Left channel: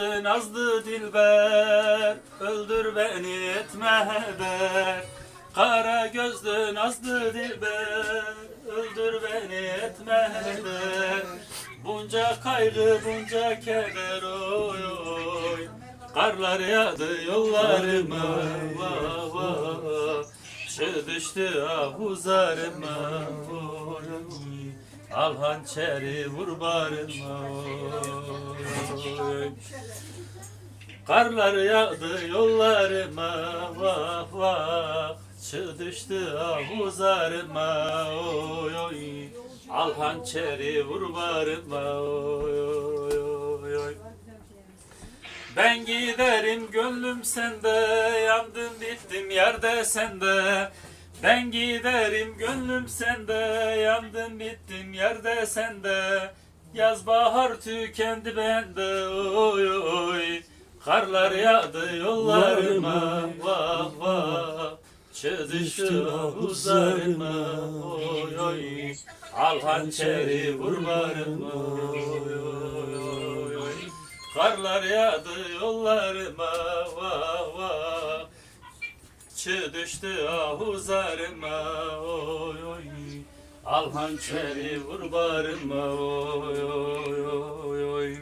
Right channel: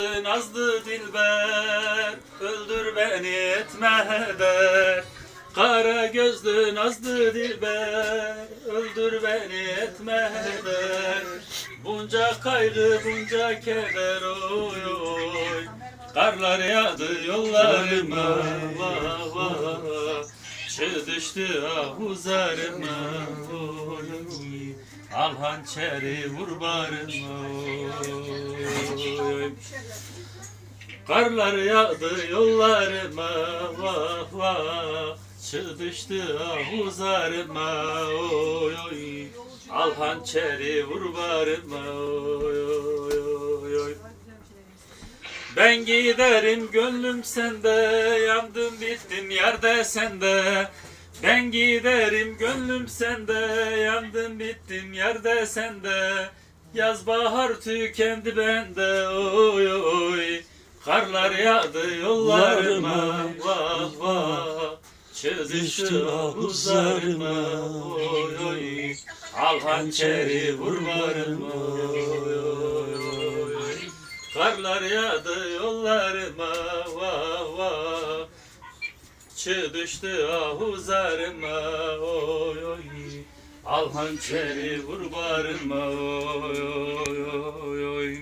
Nazlı dilber, öldür beni etme heder. Kara gözlü nazlı dilber, öldür beni etme heder. Bunca kaygı, bunca keder oy oy. Karlar yağdı yollarıma, vah vah. Çığ düştü ahuzarıma, oy oy. Al hançeri vur barıma, oy. Karlar yağdı yollarıma, vah vah. Çığ düştü ahuzarıma, oy oy. Al hançeri vur barıma, oy oy oy. Ben giderim gönlüm sende, yandım bittim yerde sende. Ben giderim gönlüm sende, yandım bittim yerde sende. Yaz bahar tükendi bende, oy oy. Karlar yağdı yollarıma, vah vah. Çığ düştü ahuzarıma, oy oy. Al hançeri vur barıma, oy oy. Karlar yağdı yollarıma, vah vah. Çığ düştü ahuzarıma, oy oy. Al hançeri vur barıma, oy oy oy.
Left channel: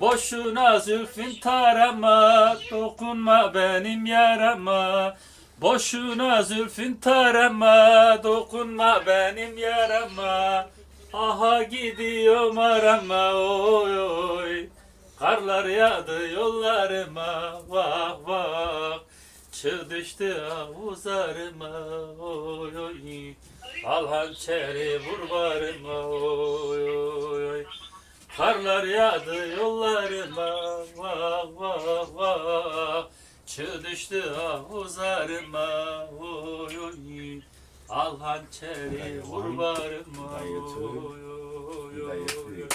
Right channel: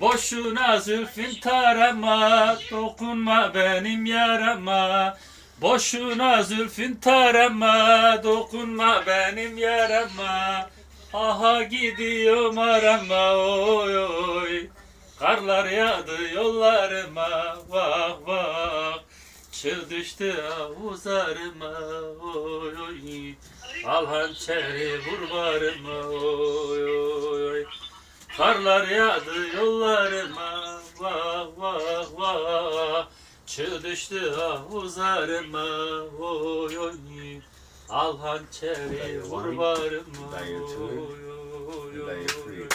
Boşuna zülfün tarama, dokunma benim yarama. Boşuna zülfün tarama, dokunma benim yarama. Aha gidiyorum arama, oy oy. Karlar yağdı yollarıma, vah vah. Çığ düştü ahuzarıma, oy oy. Al hançeri vur barıma, oy oy. Karlar yağdı yollarıma, vah vah vah. Çığ düştü ahuzarıma, oy oy. Al hançeri vur barıma, oy oy oy.